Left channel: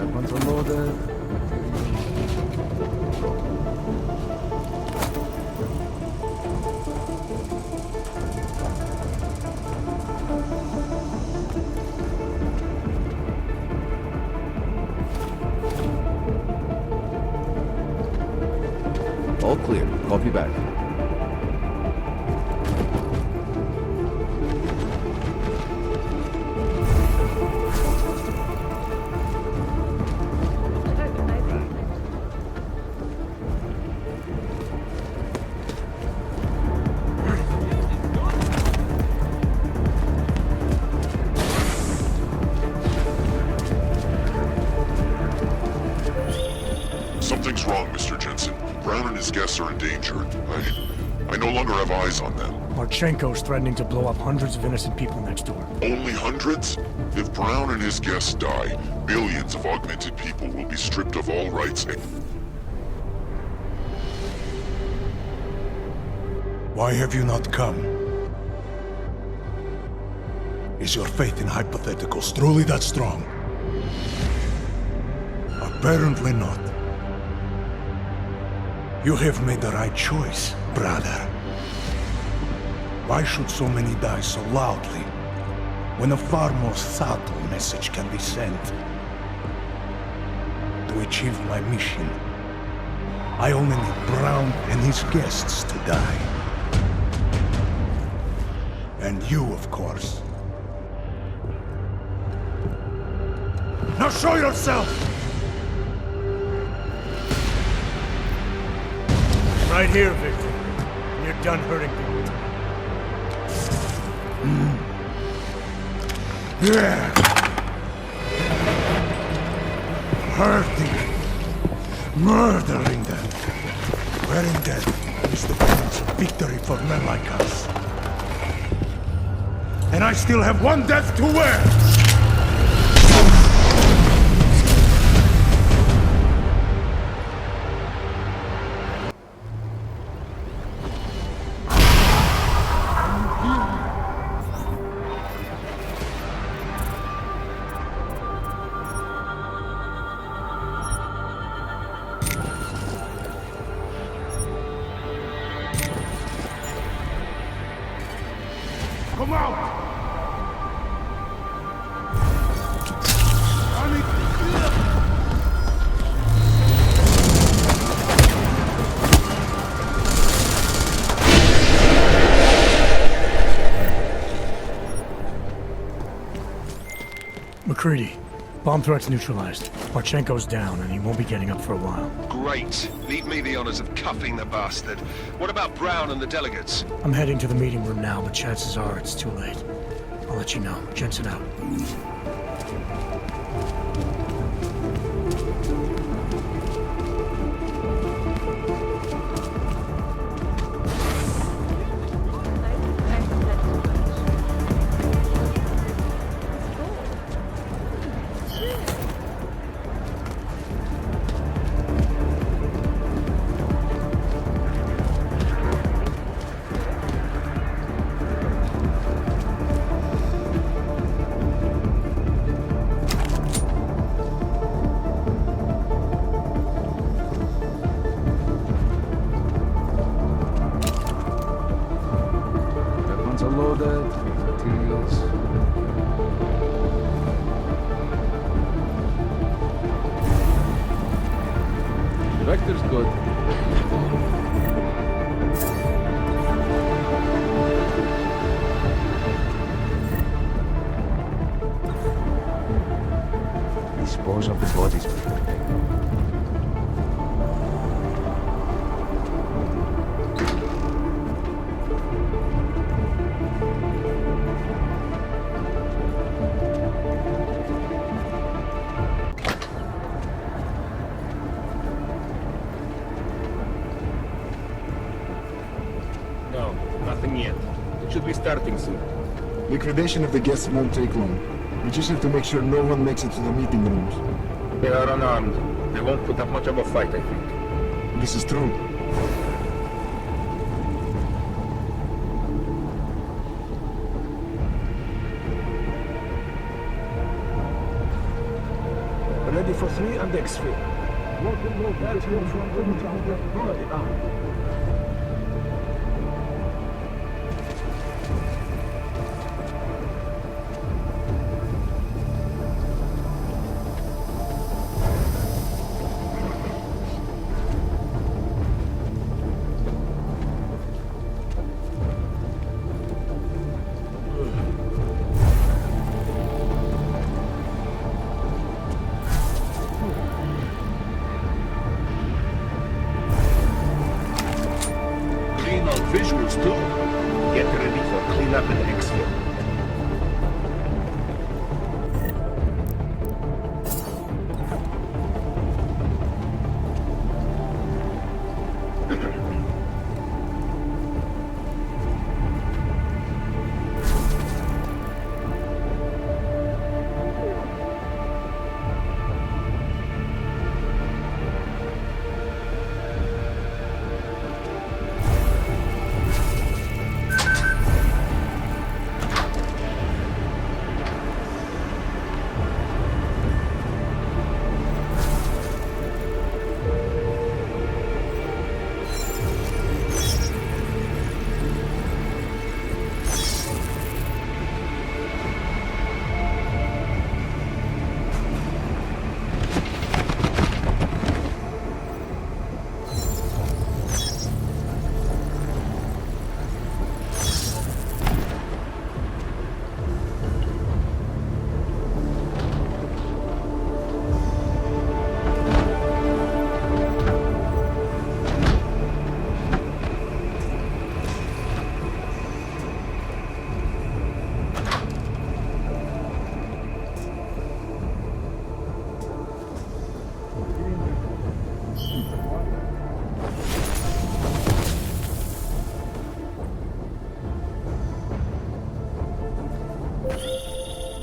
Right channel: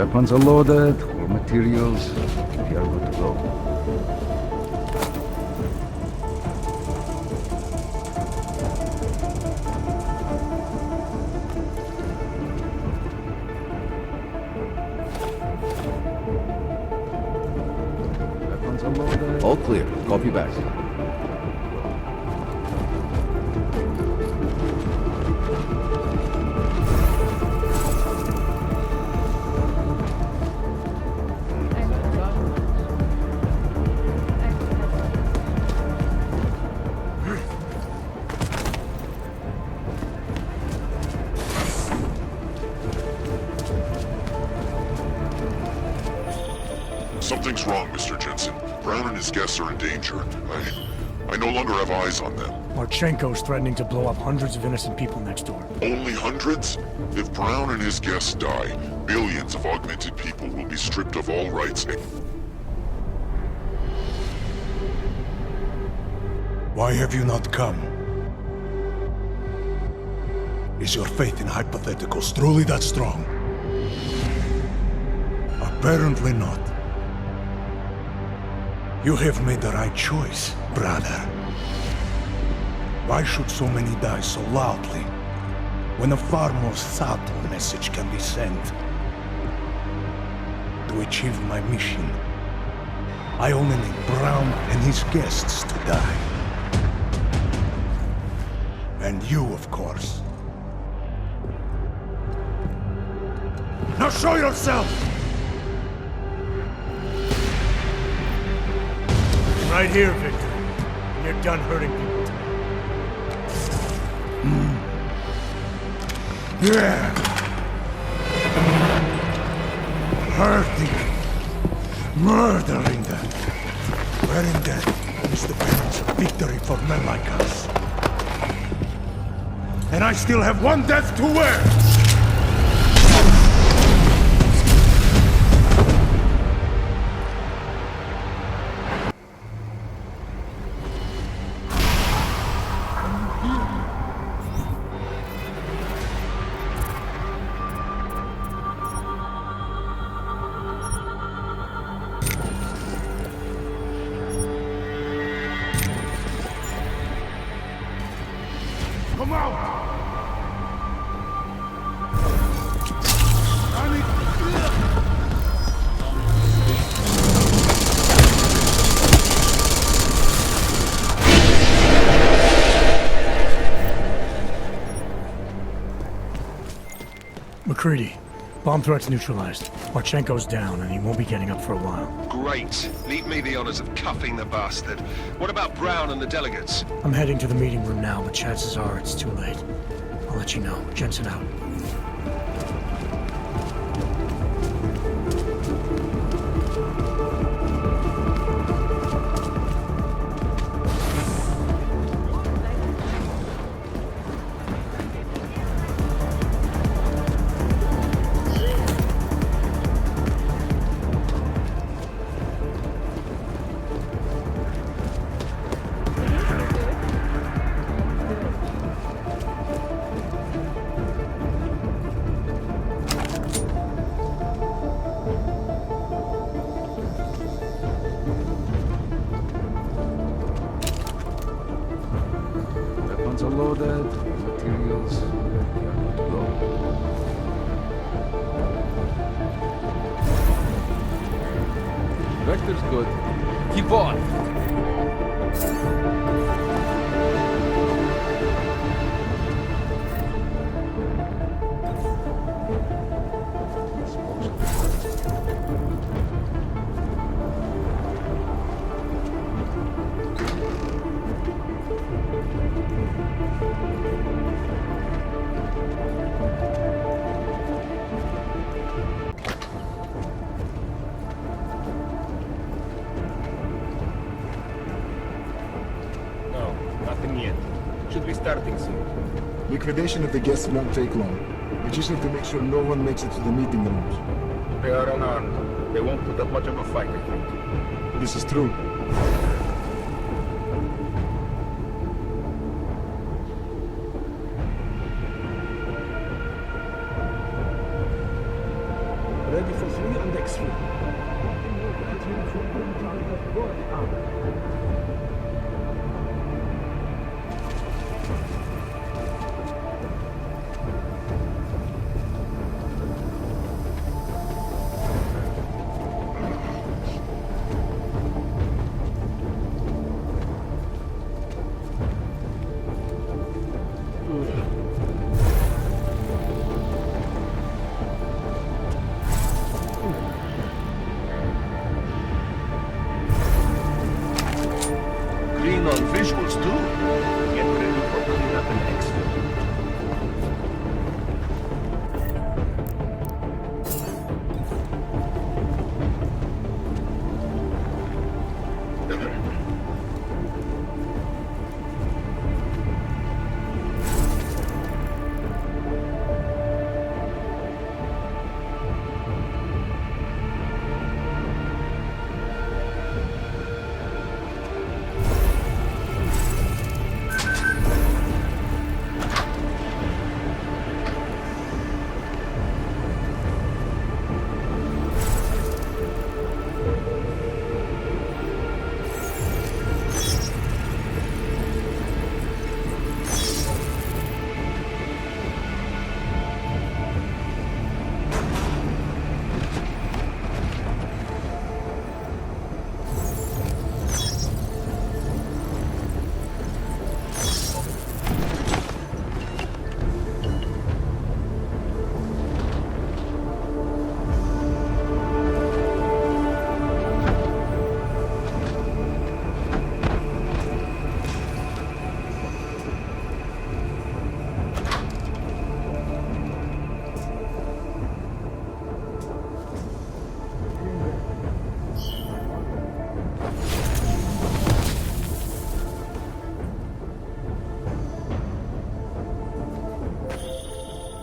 Weapons are loaded, all materials. We are good to go. All clear. Copy back. Something's wrong, Mr. Jensen. Brown and his guests are in danger. I no longer have eyes on them. Marchenko's threatening to blow up hundreds of innocent people next door. Only hundreds? If Brown and his guests die, billions of augmented people will be stripped of all rights. Why have you not come? Is your faith in hypotheticals truly that strong? Apparently not. You have made the right choice, brother. Why should so many die so loudly, when a far more subtle message can be sent? To achieve my mission, I only need Brown and his guests to die. And you, of course. Now show yourself! Right here, Victor. And you're done hurting people tonight. Yeah. Hurting. Murdering them. Wherein death is the penance of victory for men like us. And I still have one death to wear! Come out! McCready, bomb threat's neutralized. Marchenko's down, and he won't be getting up for a while. Great. Leave me the honors of cuffing the bastard. What about Brown and the delegates? I'm heading to the meeting room now, but chances are it's too late. I'll let you know. Jensen out. Weapons are loaded, materials. We are good to go. Vector's good. Keep on. Dispose of the bodies. No, nothing yet. It should be starting soon. Liquidation of the guests won't take long. We just have to make sure no one makes it to the meeting rooms. They are unarmed. They won't put up much of a fight, I think. This is true. Ready for and exfil. Clean on visuals too. Get ready for cleanup and exfil.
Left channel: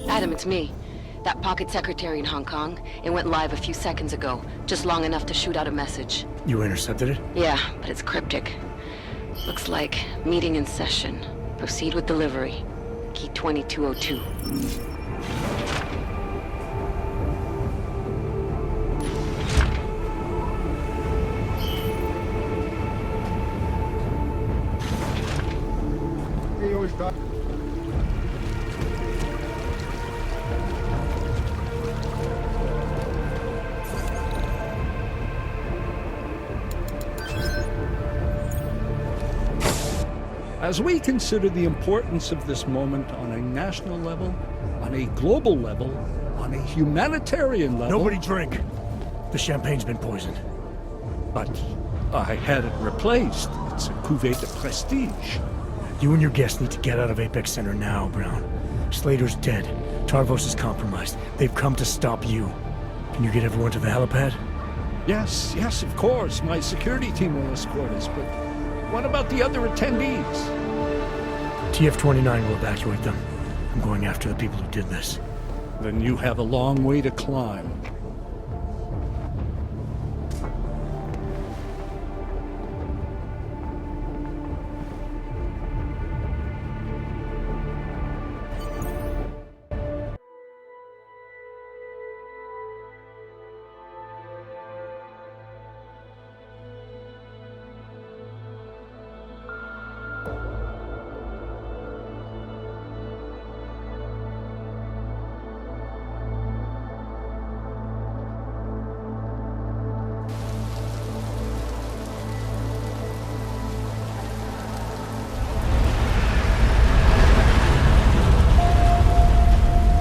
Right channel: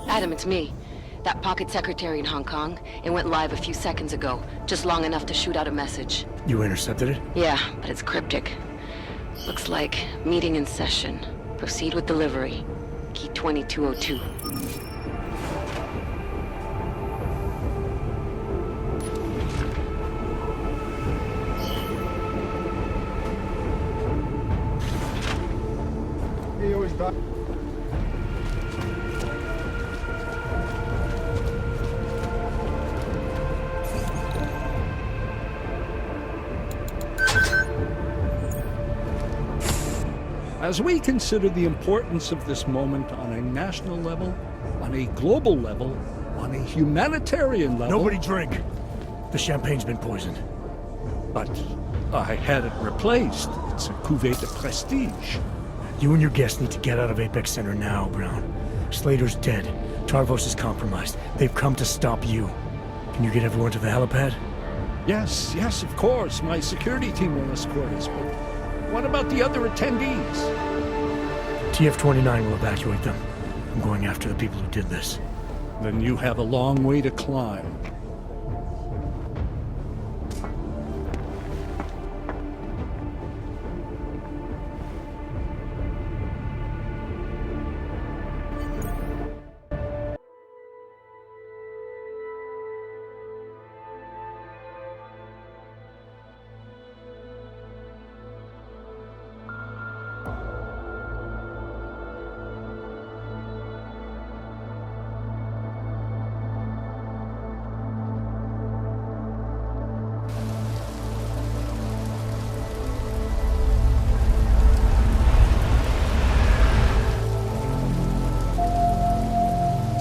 Adam, it's me. That pocket secretary in Hong Kong. It went live a few seconds ago, just long enough to shoot out a message. You intercepted it? Yeah, but it's cryptic. Looks like meeting in session. Proceed with delivery. Key 2202. As we consider the importance of this moment on a national level, on a global level, on a humanitarian level... Nobody drink. The champagne's been poisoned. But I had it replaced. It's a cuvée de prestige. You and your guests need to get out of Apex Center now, Brown. Slater's dead. Tarvos is compromised. They've come to stop you. Can you get everyone to the helipad? Yes, of course. My security team will escort us, but what about the other attendees? TF-29 will evacuate them. I'm going after the people who did this. Then you have a long way to climb.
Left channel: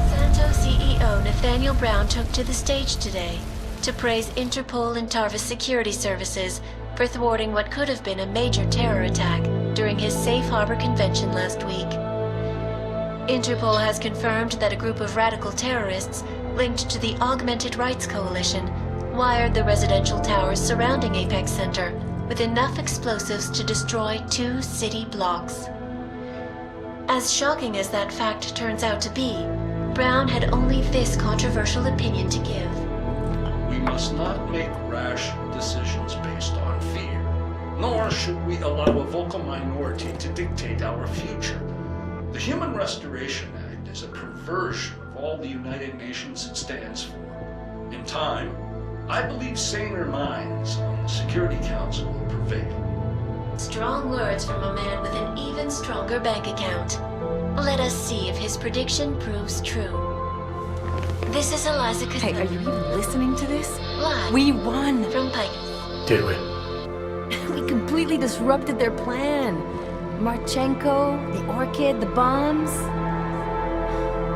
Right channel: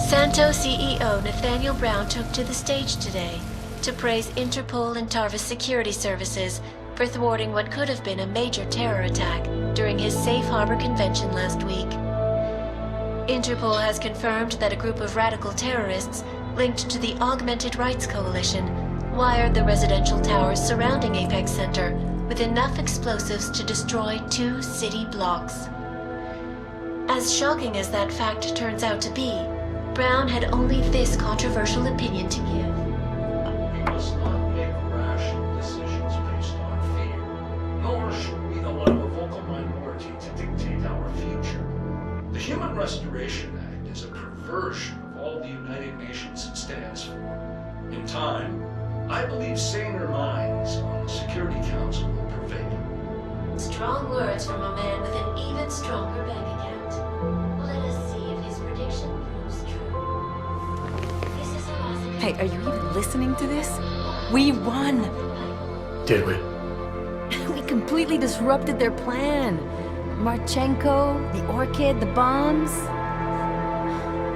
Santo CEO Nathaniel Brown took to the stage today to praise Interpol and Tarvis security services for thwarting what could have been a major terror attack during his Safe Harbor convention last week. Interpol has confirmed that a group of radical terrorists linked to the Augmented Rights Coalition wired the residential towers surrounding Apex Center with enough explosives to destroy 2 city blocks. As shocking as that fact turns out to be, Brown had only this controversial opinion to give. We must not make rash decisions based on fear, nor should we allow a vocal minority to dictate our future. The Human Restoration Act is a perversion of all the United Nations stands for. In time, I believe saner minds on the Security Council will prevail. Strong words from a man with an even stronger bank account. Let us see if his prediction proves true. This is Eliza Hey, are you even listening to this? Live We won! from Pike. Did we? We completely disrupted their plan. Marchenko, the Orchid, the bombs.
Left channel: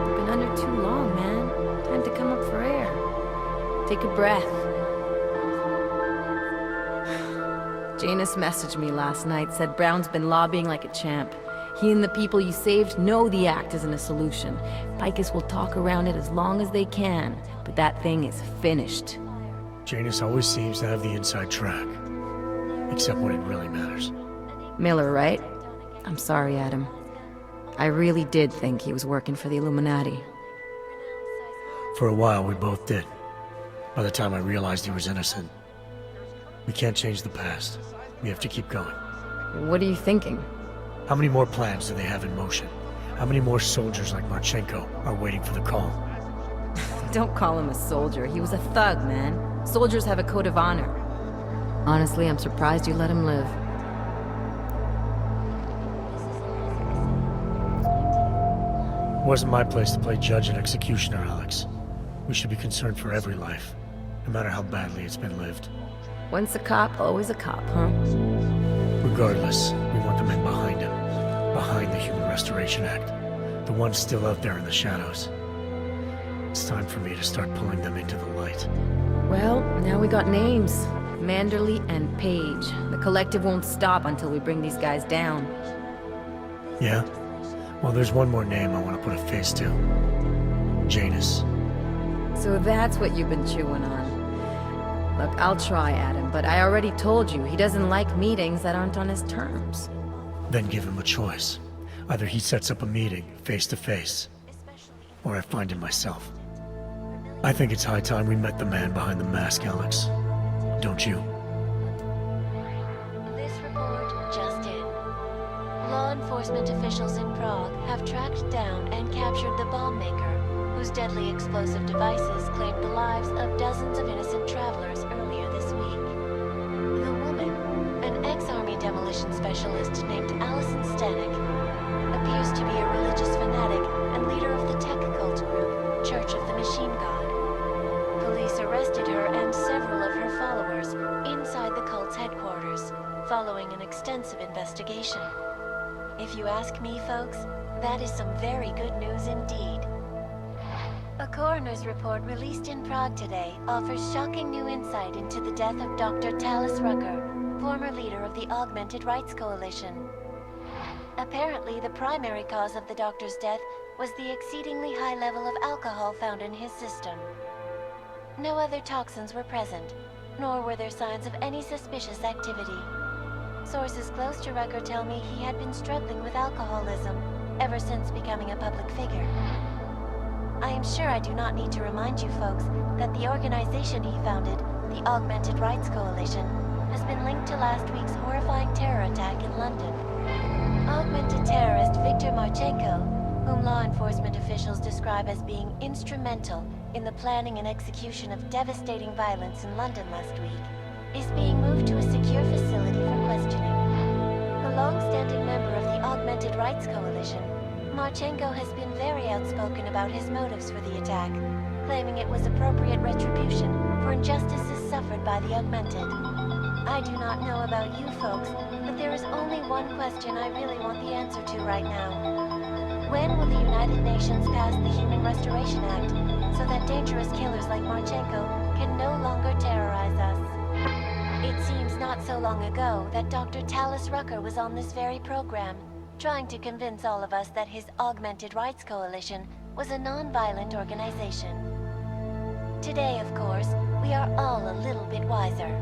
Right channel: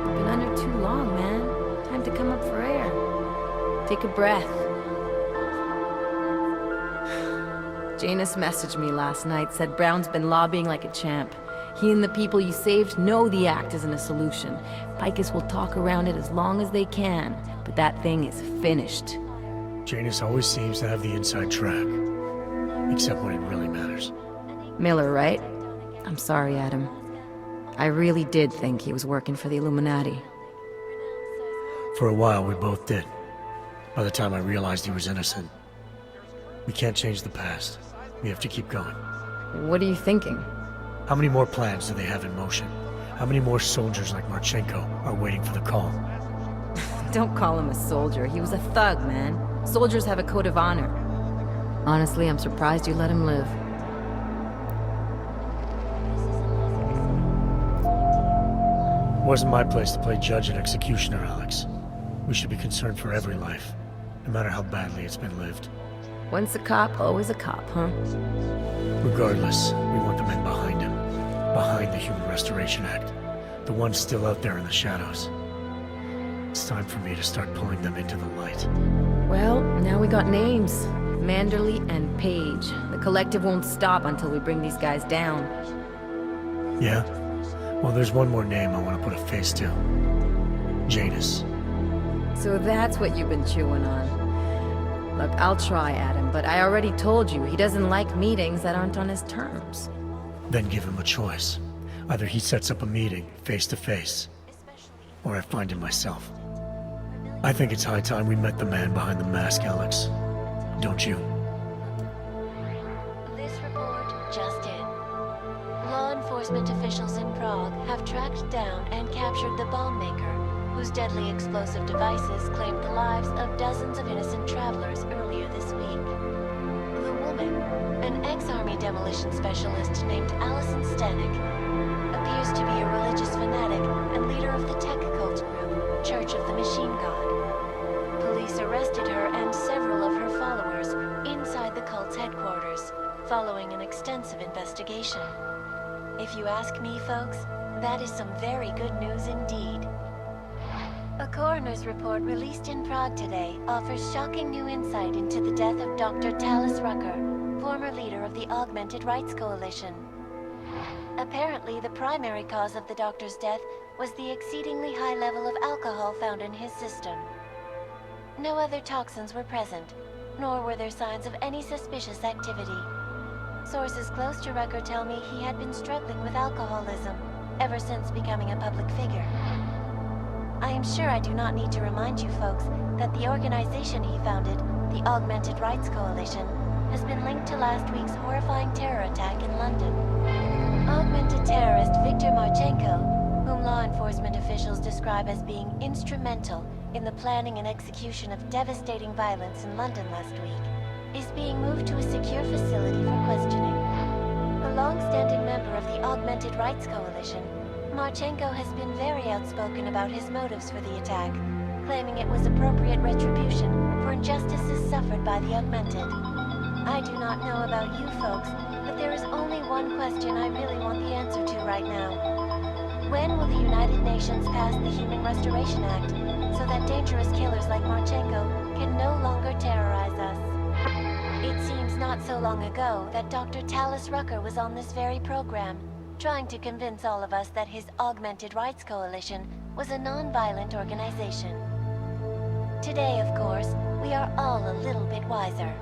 We've been under too long, man. Time to come up for air. Take a breath. Janus messaged me last night, said Brown's been lobbying like a champ. He and the people you saved know the act isn't a solution. Picus will talk around it as long as they can, but that thing is finished. Janus always seems to have the inside track. Except when it really matters. Miller, right? I'm sorry, Adam. I really did think he was working for the Illuminati. For a while, we both did. By the time I realized he was innocent. We can't change the past. We have to keep going. What are you thinking? How many more plans do they have in motion? How many more soldiers like Marchenko are waiting for the call? Don't call him a soldier. He was a thug, man. Soldiers have a code of honor. Honestly, I'm surprised you let him live. It wasn't my place to play judge and executioner, Alex. We should be concerned for every life, no matter how badly it's been lived. Once a cop, always a cop, huh? Regardless, we want the men behind him. Behind the Human Restoration Act. The ones still out there in the shadows. It's time for me to start pulling them into the light. Well, now we got names. Manderley and Page. The collective won't stop until we bring these guys down. Yeah? Well, there's one more name I want to put a face to. Janus. So that's what you've been chewing on. Look, I'll try, Adam, but I already told you he doesn't like meetings that aren't on his terms. Then give him a choice. Either he sets up a meeting, face to face, or I find him myself. I think it's high time we met the man behind the mask, Alex. Don't you? This report just in. Law enforcement officials in Prague have tracked down and captured the bomb maker, whose deadly explosive devices claimed the lives of dozens of innocent travelers earlier this week. The woman, an ex-army demolition specialist named Allison Stanek, appears to be a religious fanatic and leader of the tech cult group, Church of the Machine God. Police arrested her and several of her followers inside the cult's headquarters, following an extensive investigation. If you ask me, folks, that is some very good news indeed. A coroner's report released in Prague today offers shocking new insight into the death of Dr. Talis Rucker, former leader of the Augmented Rights Coalition. Apparently, the primary cause of the doctor's death was the exceedingly high level of alcohol found in his system. No other toxins were present, nor were there signs of any suspicious activity. Sources close to Rucker tell me he had been struggling with alcoholism ever since becoming a public figure. I am sure I do not need to remind you folks that the organization he founded, the Augmented Rights Coalition, has been linked to last week's horrifying terror attack in London. Augmented terrorist Viktor Marchenko, whom law enforcement officials describe as being instrumental in the planning and execution of devastating violence in London last week, is being moved to a secure facility for questioning. A long-standing member of the Augmented Rights Coalition, Marchenko has been very outspoken about his motives for the attack, claiming it was appropriate retribution for injustices suffered by the Augmented. I do not know about you folks, but there is only one question I really want the answer to right now. When will the United Nations pass the Human Restoration Act so that dangerous killers like Marchenko can no longer terrorize us? It seems not so long ago that Dr. Talis Rucker was on this very program, trying to convince all of us that his Augmented Rights Coalition was a non-violent organization. Today, of course, we are all a little bit wiser.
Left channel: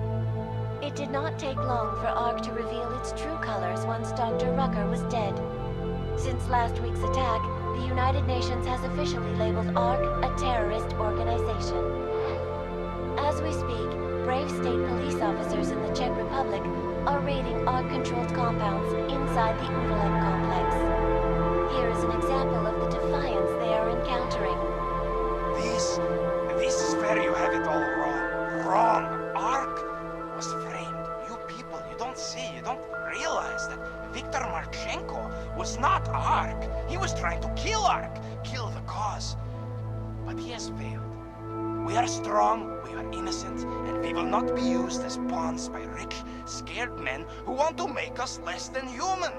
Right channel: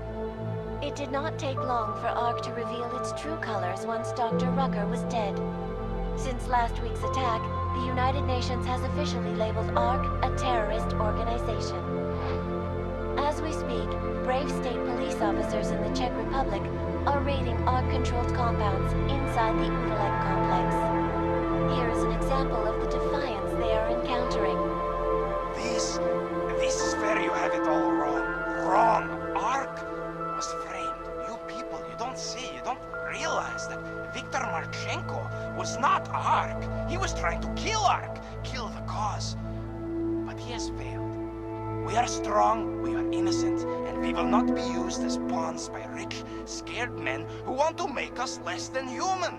It did not take long for ARC to reveal its true colors once Dr. Rucker was dead. Since last week's attack, the United Nations has officially labeled ARC a terrorist organization. As we speak, brave state police officers in the Czech Republic are raiding ARC-controlled compounds inside the Udalek complex. Here is an example of the defiance they are encountering. This is where you have it all wrong. wrong. Ark was framed. You people, you don't see, you don't realize that Viktor Marchenko was not Ark. He was trying to kill Ark, kill the cause. But he has failed. We are strong, we are innocent, and we will not be used as pawns by rich, scared men who want to make us less than human.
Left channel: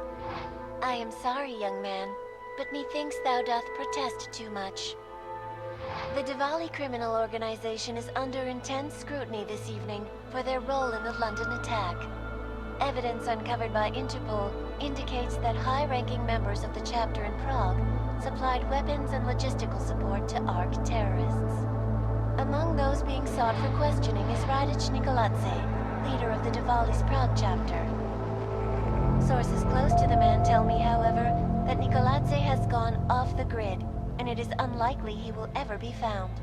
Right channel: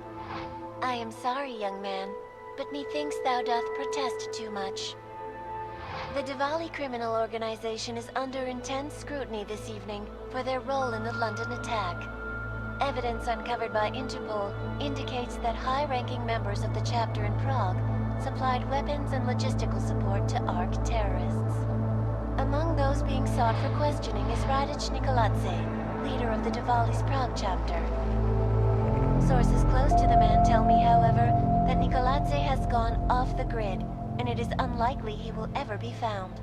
I am sorry, young man, but methinks thou doth protest too much. The Diwali criminal organization is under intense scrutiny this evening for their role in the London attack. Evidence uncovered by Interpol indicates that high-ranking members of the chapter in Prague supplied weapons and logistical support to ARC terrorists. Among those being sought for questioning is Radic Nikoladze, leader of the Diwali's Prague chapter. Sources close to the man tell me, however, that Nikoladze has gone off the grid, and it is unlikely he will ever be found.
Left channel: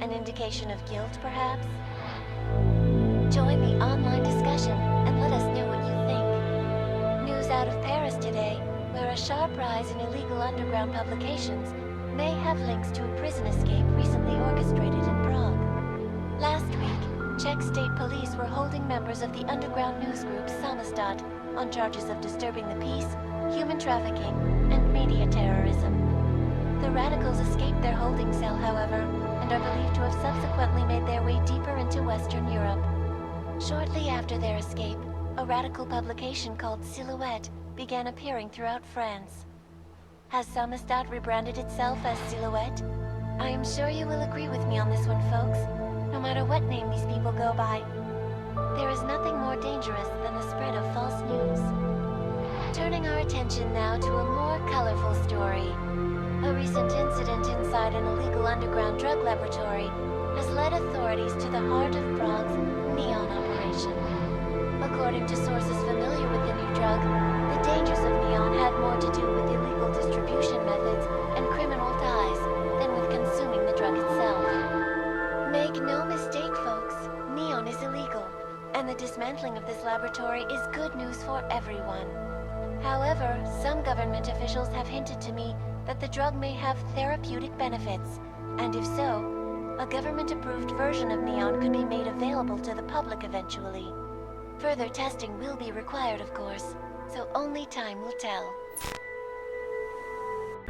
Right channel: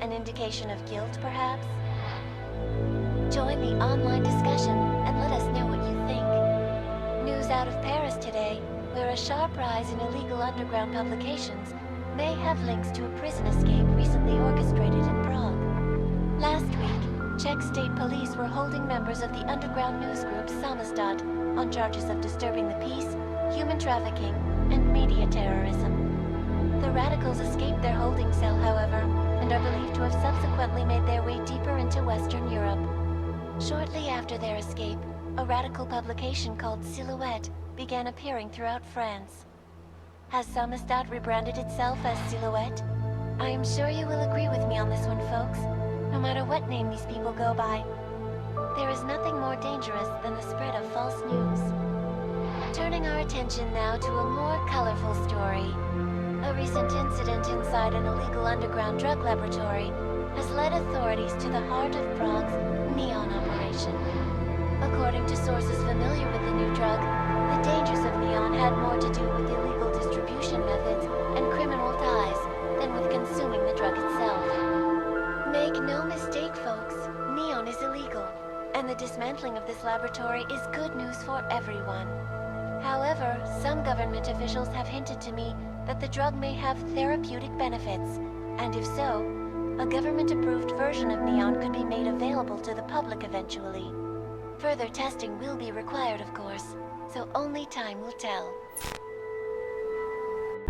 An indication of guilt, perhaps? Join the online discussion and let us know what you think. News out of Paris today, where a sharp rise in illegal underground publications may have links to a prison escape recently orchestrated in Prague. Last week, Czech state police were holding members of the underground news group Samizdat on charges of disturbing the peace, human trafficking, and media terrorism. The radicals escaped their holding cell, however, and are believed to have subsequently made their way deeper into Western Europe. Shortly after their escape, a radical publication called Silhouette began appearing throughout France. Has Samizdat rebranded itself as Silhouette? I am sure you will agree with me on this one, folks, no matter what name these people go by. There is nothing more dangerous than the spread of false news. Turning our attention now to a more colorful story. A recent incident inside an illegal underground drug laboratory has led authorities to the heart of Prague's Neon operation. According to sources familiar with the new drug, the dangers of Neon had more to do with illegal distribution methods and criminal ties than with consuming the drug itself. Make no mistake, folks, Neon is illegal, and the dismantling of this laboratory is good news for everyone. However, some government officials have hinted to me that the drug may have therapeutic benefits, and if so, a government-approved version of Neon could be made available to the public eventually. Further testing will be required, of course, so only time will tell.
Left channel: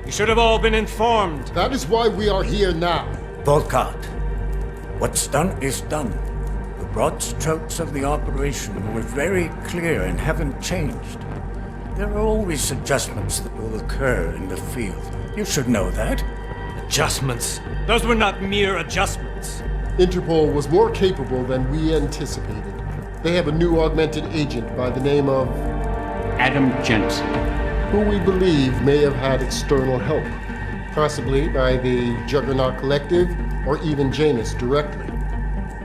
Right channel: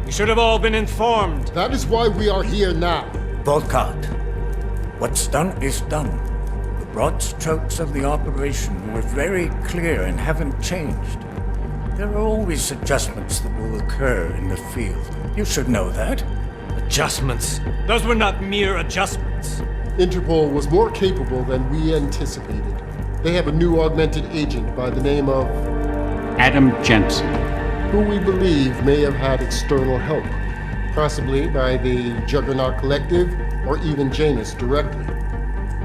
We should have all been informed. That is why we are here now. Volkart, what's done is done. The broad strokes of the operation were very clear and haven't changed. There are always adjustments that will occur in the field. You should know that. Adjustments? Those were not mere adjustments. Interpol was more capable than we anticipated. They have a new augmented agent by the name of Adam Jensen, who we believe may have had external help, possibly by the Juggernaut Collective or even Janus directly.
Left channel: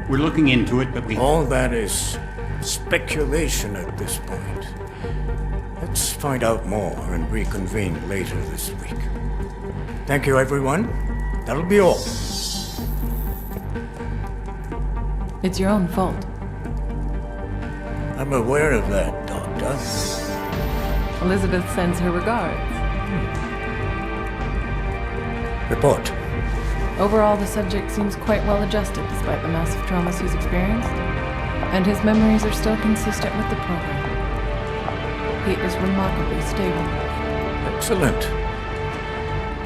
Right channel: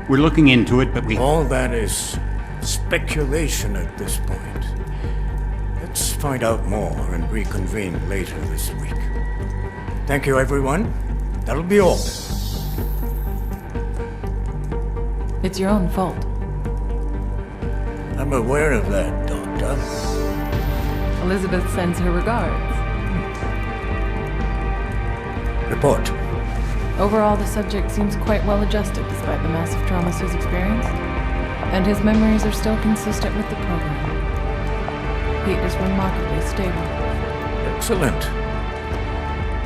We're looking into it, but all that is speculation at this point. Let's find out more and reconvene later this week. Thank you, everyone. That'll be all. It's your own fault. I'm aware of that, Doctor. Elizabeth sends her regards. Report. Overall, the subject seems quite well adjusted despite the massive traumas he's experienced, and his memories are still consistent with the program. He is remarkably stable. Excellent.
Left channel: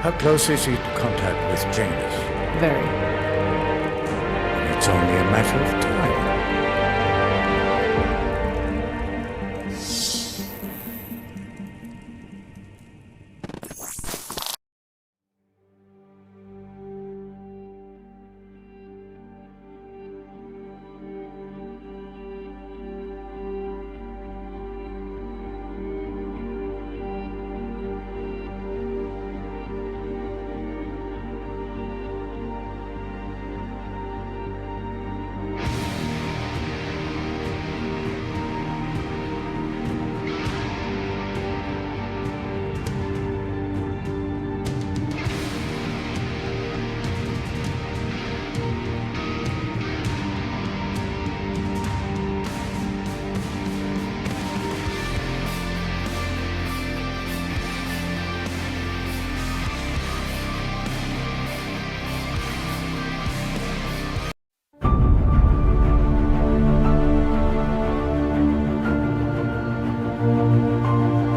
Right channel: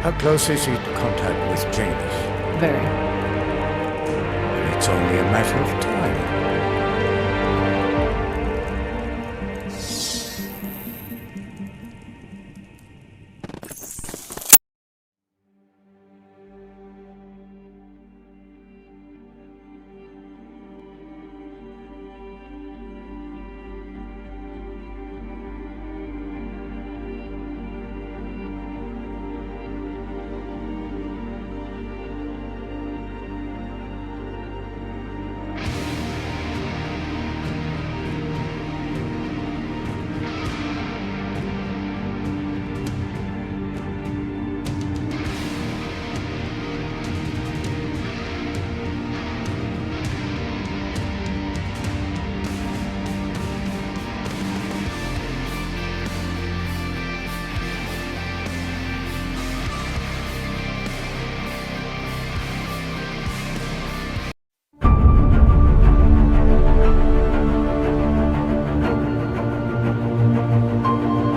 How close is he to contact with Janus? Very. And it's only a matter of time. Thank you.